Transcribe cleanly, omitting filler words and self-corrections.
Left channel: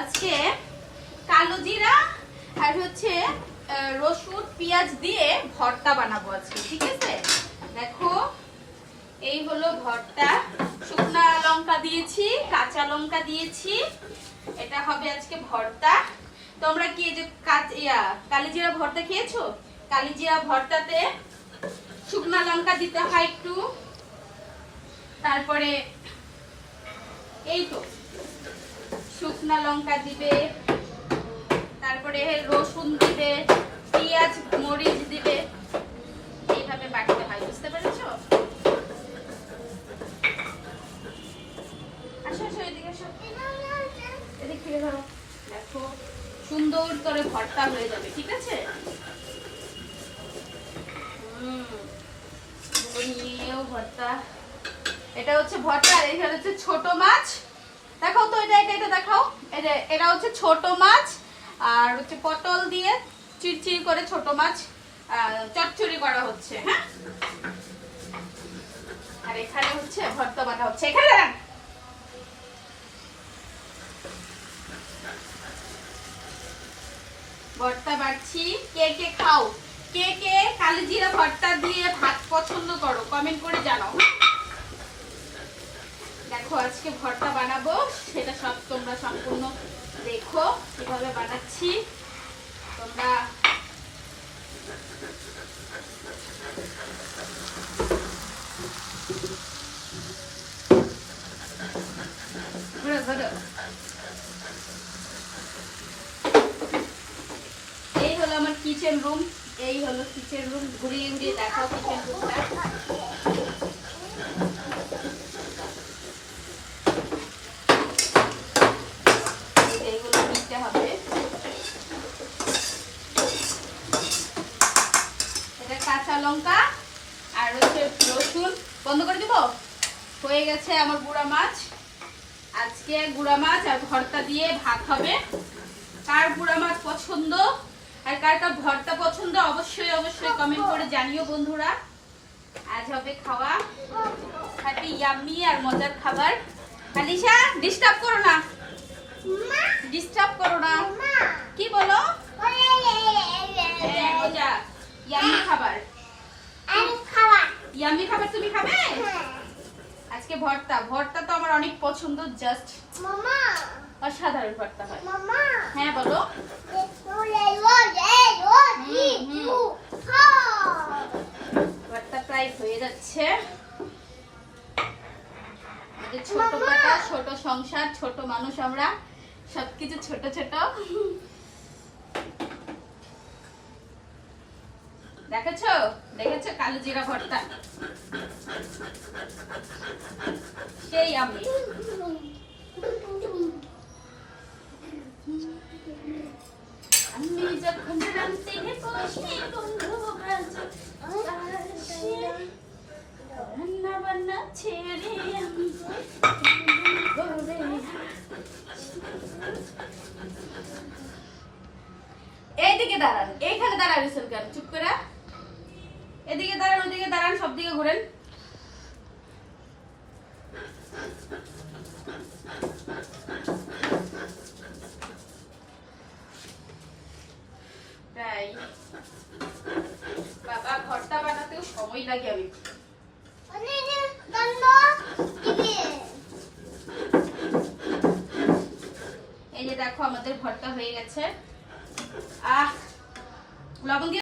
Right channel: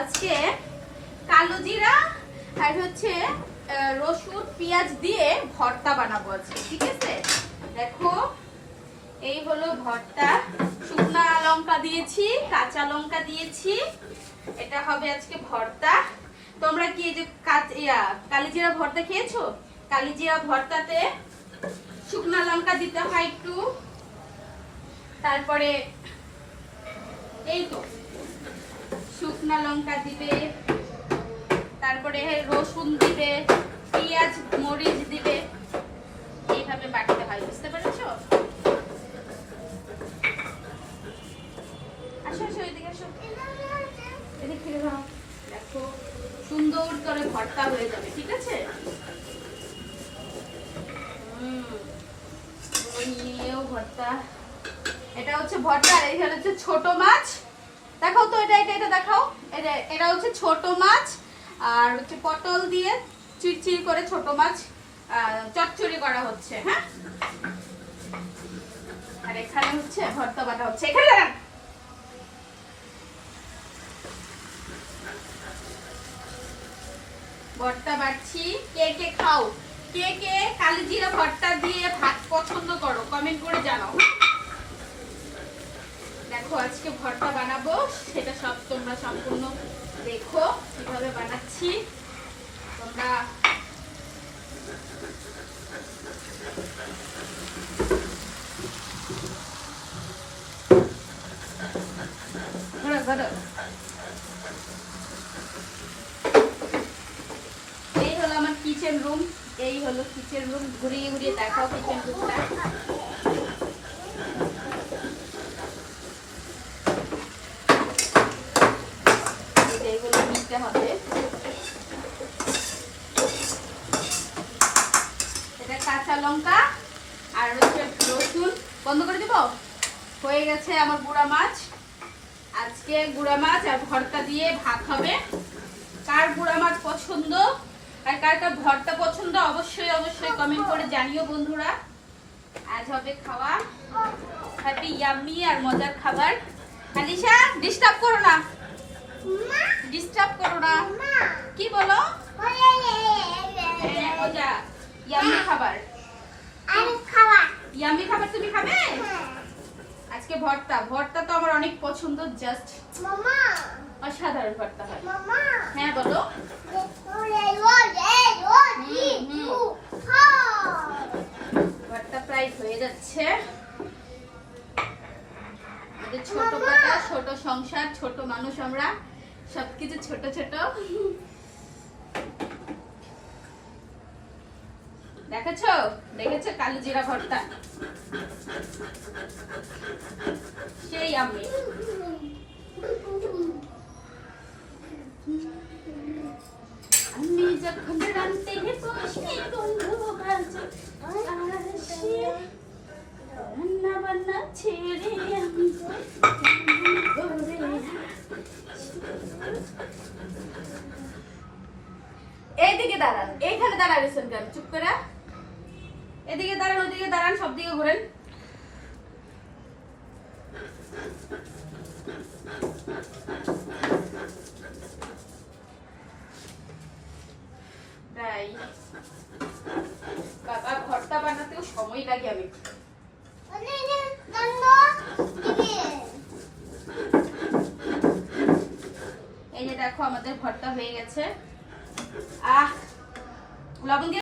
আজকে কালো জিরা আর হচ্ছে রসুন পেঁয়াজ দিয়ে ভর্তা বানাবো আজকে, ঠিক আছে? দেখো এই হলো ভর্তা, শুকনা লঙ্কা দিয়েছি, কাঁচা লঙ্কা দিয়েছি, এটা হবে আজকে ভর্তা। তোমরা কি এই যে কালিজিরা ভর্তা খেয়েছো? কালিজিরা ভর্তাতে শুকনা লঙ্কা দিতে হয় একটু, তারপরে এই তো শুকনা লঙ্কা দিবে, তারপরে রসুন দিবে, পেঁয়াজ মরিচ দিবে, এইভাবে বাটতে হয়, বুঝতে পেরেছো? আসো আসো এদিকে আসো, এদিক থেকে ধরো। দেখো সুন্দর করে ভর্তা হয়ে যাবে, ঠিক আছে? ভর্তা, এটা হচ্ছে ভর্তা। আর এই হচ্ছে ছোট মাছ, দেখাও তো, এটা দেখাও। এটা হচ্ছে ছোট মাছ, আর হচ্ছে পটল দিয়ে চিরচির করে ছোট মাছ চচ্চড়ি করা হচ্ছে। হ্যাঁ, আর এখানে হচ্ছে ভর্তা বাটা হচ্ছে। এখানে ভর্তা বাড়ছি। কে কে খাও, কে কে কালিজিরা ভর্তা দিয়ে ভাত পছন্দ করো, কমেন্ট করে জানাও। দেখো আজকে ভর্তা বানাবো, সেটা সব তোমরা সম্পূর্ণ দেখো কিভাবে বানাচ্ছি। তোমরা এই হলো আমার কিচেন রুম, এই হলো কিচেন রুম। ঘুরিয়ে ঘুরিয়ে দেখাও কিচেন রুমটা। এইগুলো নিতে হবে। এটা কাঁচা লঙ্কা আর হচ্ছে রসুন। বন্ধ করে দিব। হয়ে গেছে আমার গুঁড়া মাছ। আজকে গুঁড়া মাছ আর ভর্তা দিয়ে ভাত হবে। কার গুঁড়া মাছ পছন্দ আর কার কার ভর্তা পছন্দ অবশ্যই অবশ্যই কমেন্ট করে জানিও বন্ধুরা। আজ হবে খাওয়া হ্যাপি ইয়াম্মি আর মজার খাবার। আলিশা ডিস্টার্ব করো না, ডিস্টার্ব করো না। কি বলো? মজা ইয়াম্মি খাবার, ইয়াম্মি খাবার তুমি খাবে আজকে। ভর্তা, ভর্তা তো আমার অনেক পছন্দ, জাস্ট অসাধারণ ভর্তা হয়। হ্যাঁ বলো। ভর্তা প্রায় হয়ে যাচ্ছে। ছোট পাতা, ছোট সংসার, ছোট মানুষ, আমরা সবকিছু ছোট ছোট। দেখেছো দেখেছো কালিজিরা ভর্তা, সেই আমি। আমি যখন রান্তে বসি বন্ধু রান্না বান্না ছেড়ে আমি এইদিকে দাঁড়ান, এইখানে দাঁড়ান, চুপ করে। এদিকে দাঁড়ান, ওদিকে দাঁড়ান, সব দিকে ঘুরেন। বাবা ভর্তা বানাতেও সময় লাগে। আমি এই যে দেখো আমাদের ভর্তা হয়ে গেছে। লবণ দিয়ে